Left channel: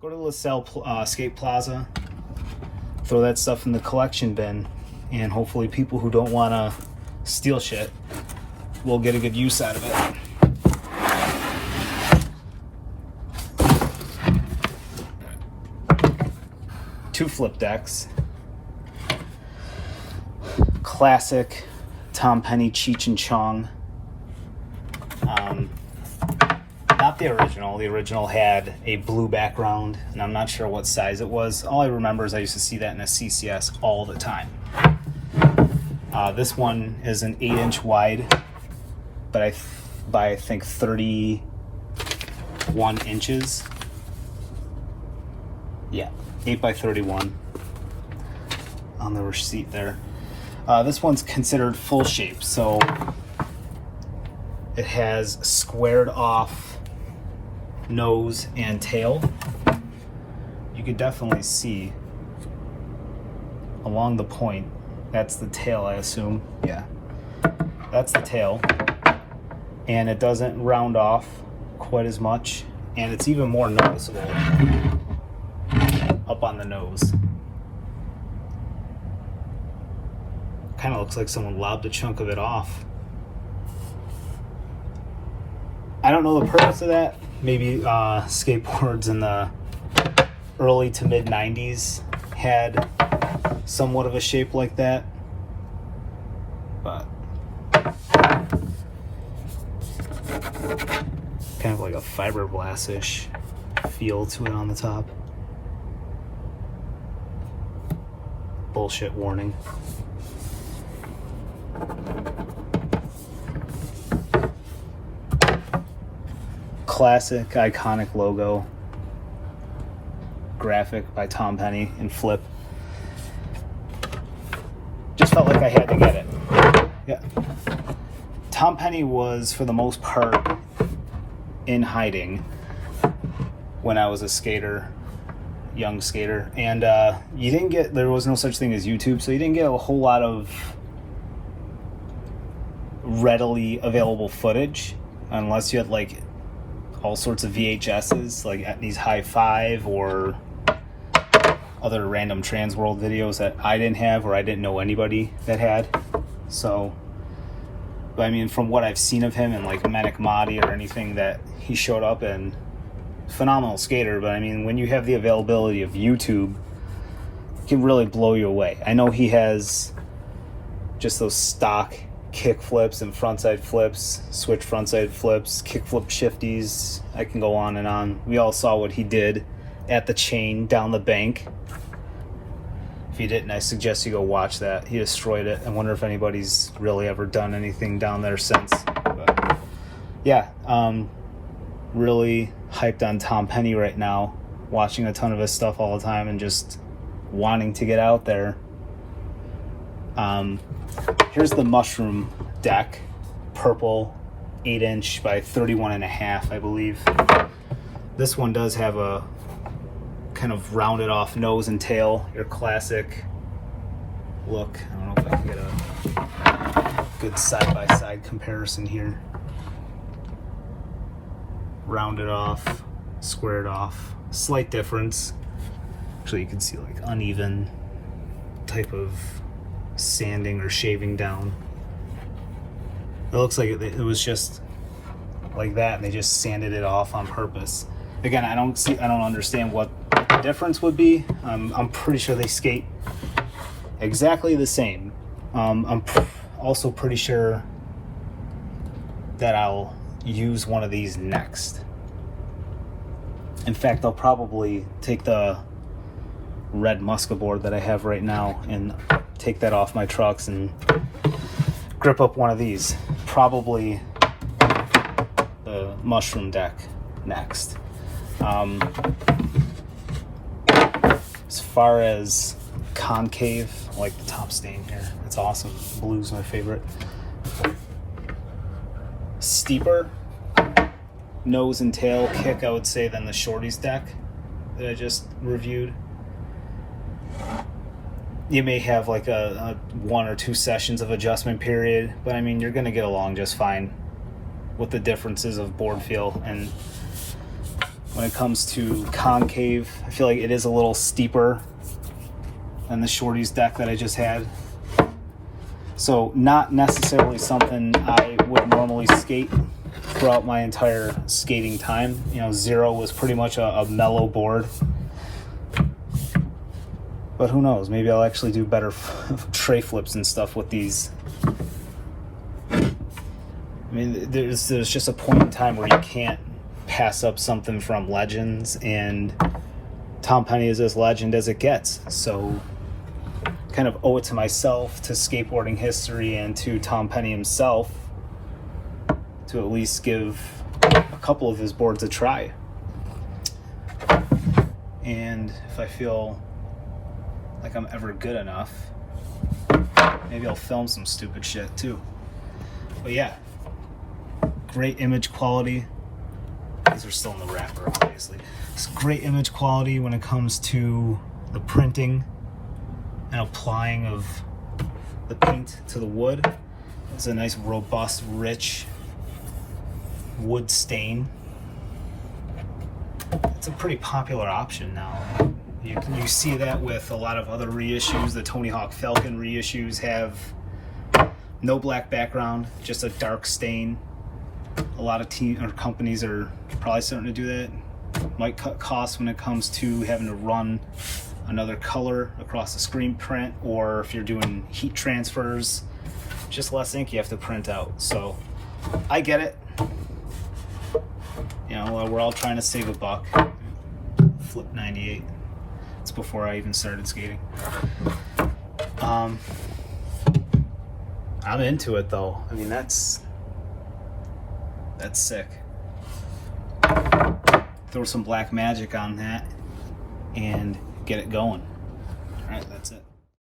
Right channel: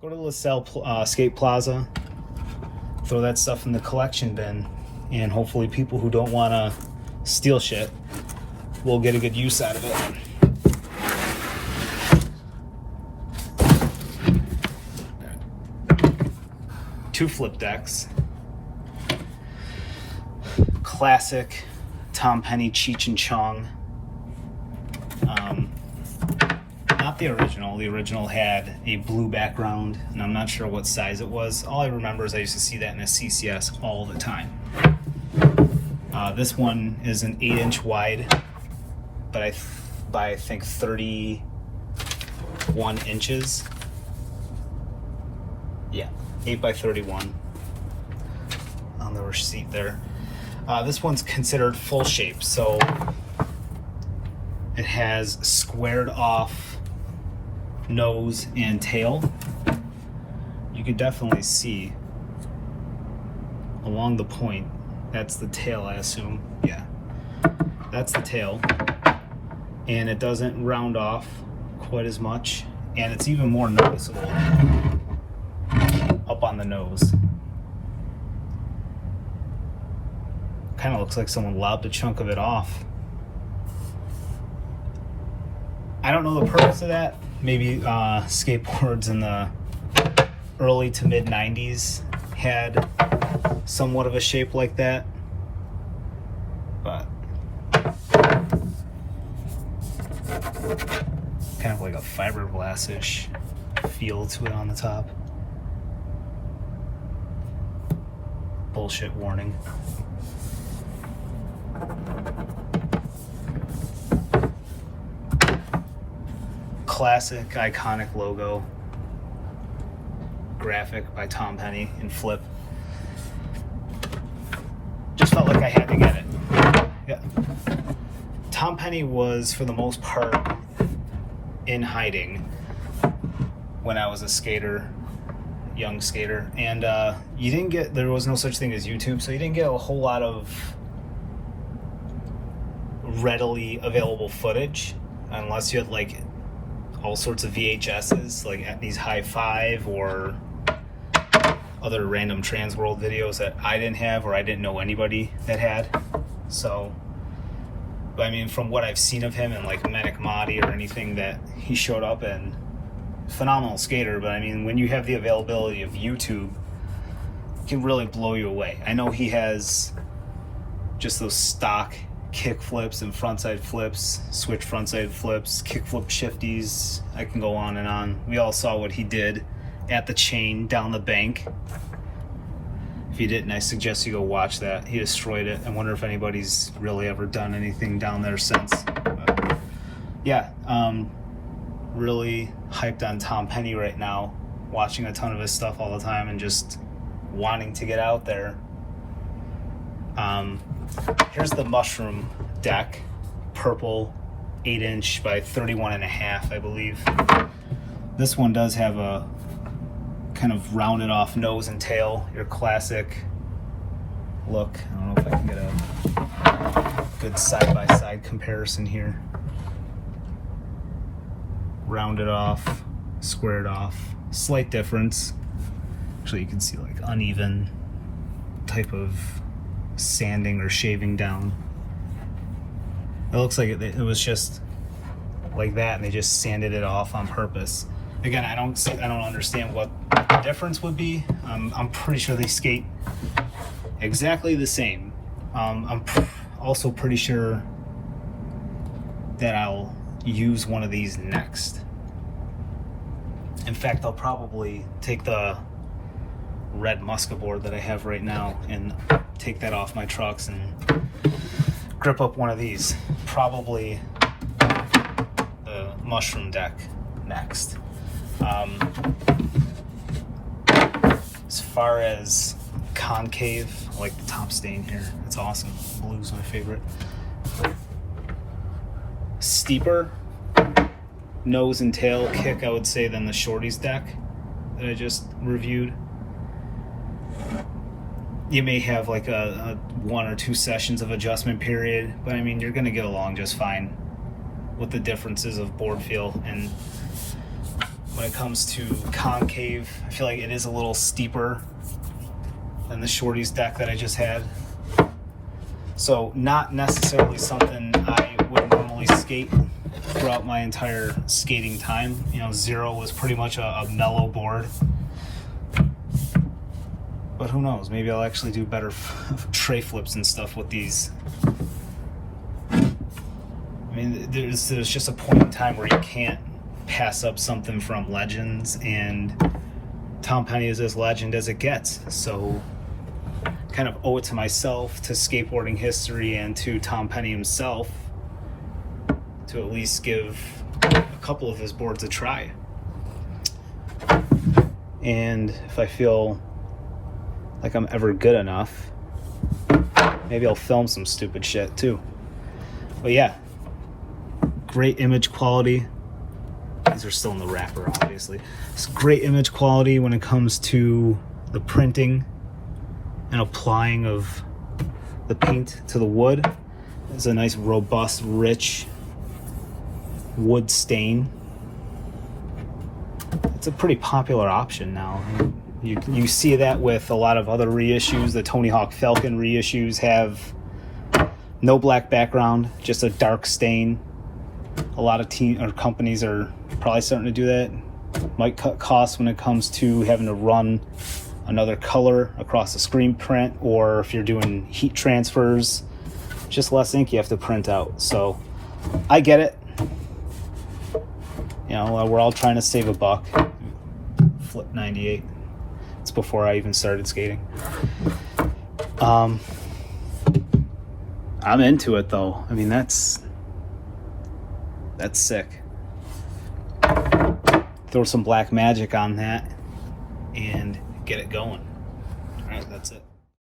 Go to LaSalle Skate Plaza, throw that stuff in the collection bin, and hopefully people who don't want to steal shit will get a good use out of it. Two flip decks. Classic Tom Penny Cheech and Chong. Not the original. The original had a blue background, and I'm not sure what size it was. All I remember is I used to see that in a CCS all the time. This one is an 8-inch wide, but I think 31 inches. Yeah, 8 by 31 on the receipt there. This one's considered full shape, so it has squared off nose and tail. You could definitely see along the point. That's the tail, I assume. Yeah, that's the tail. And it doesn't round off quite as much, and it's even more noticeable up on the nose. Kind of looks like someone lobbed a chunk of it off. I don't know the purpose of that. Maybe skateboards in the early to mid 90s had somewhat of a shape like that. But kind of like a fiberglass-ish feel to it on the top. Bullshit warning. Classic, iconic logo. Graphic by Tom Penny in flip. Just felt like I had to get it. Yeah. Tom Penny was, for the most part, in hiding when I was a skater, young skater, and there was no such thing as YouTube, so you didn't get a whole lot of readily available footage unless you had like all sorts of VHSs, like at these High Five or other random Trans World videos that I didn't have or I didn't know anybody that had. So, but I mean, from what I've seen of him in like Manic Mahdi or anything that he showed up in, phenomenal skater. But I mean, when you have the availability of YouTube, it can really blow you away. I know he has just those stock kick flips and frontside flips, switch frontside flips, kick flip shifties. I can go on and on. We all saw what he did at the chain down the bank. If you didn't, I suggest you go watch that. He destroyed it. I wonder if anybody's really ever done anything down there since. But yeah, really hyped on Tom Penny right now, watching a ton of his stuff all the time and just wanting to get out there. Here's the mushroom deck, purple, 8-inch by 31.5, I believe. This one does have a kind of rounded off nose and tail, your classic look. I don't know if I can get a good side-by-side comparison here. Rounded off, squared off, slight difference. Actually, you can see like uneven type of sanding or shaving down. It looks like it was just like that and they just sanded it off on purpose. Again, I don't understand what the difference would be. I'm pretty sure they skate exactly the same. I'm also pretty sure that I'll use one of these next. In fact, I'll probably take the red Musca board that I have right now and take that off my trucks and grip up one of these. Probably the mushroom deck next. As far as concave, I like the top stain here. It's awesome. Blue's my favorite. Steeper nose and tail kick, I would say, than the Shorty's deck that I just reviewed. You may have like a 1 or 2 sessions of adjustment period, but I mean, you're gonna get along just fine with the differences of board feel. And when it comes to concave. I feel like it is a little steeper than the Shorty's deck that I just had. So not necessarily something I would normally skate throughout my entire skating time. You know, Zero was pretty much a mellow board. But who knows, maybe I'll actually do better tray flips and stuff with these. I mean, there's just a point in time where you can't pass up something from Legends, and Tom Penny is as legend as it gets. So kind of owe it to myself, to skateboarding history, and to Tom Penny himself to at least give a couple of his boards a try. And if I feel like I'm ever good enough, maybe I'll film some stupid shit too. But yeah, great image quality. These are still in the wrapper, obviously. It's great image quality when it comes to the printing and applying of the paint to the wood. It's a nice, robust, rich wood stain. It's a pretty popular option now. You see that with a lot of other reissues. The Tony Hawk Falcon reissues have no black background, just a dark stain. A lot of companies are probably starting to do that. Might cut costs when it comes to having to run another color across the screen print, or if you're doing heat transfers, just less ink you have to print out. So I get it. You know, we're all trying to save a buck. Flip 98. It's before I even started skating. I'm into it though. I mean, that's sick. Throw some black magic on that and get it going. All right, that's it.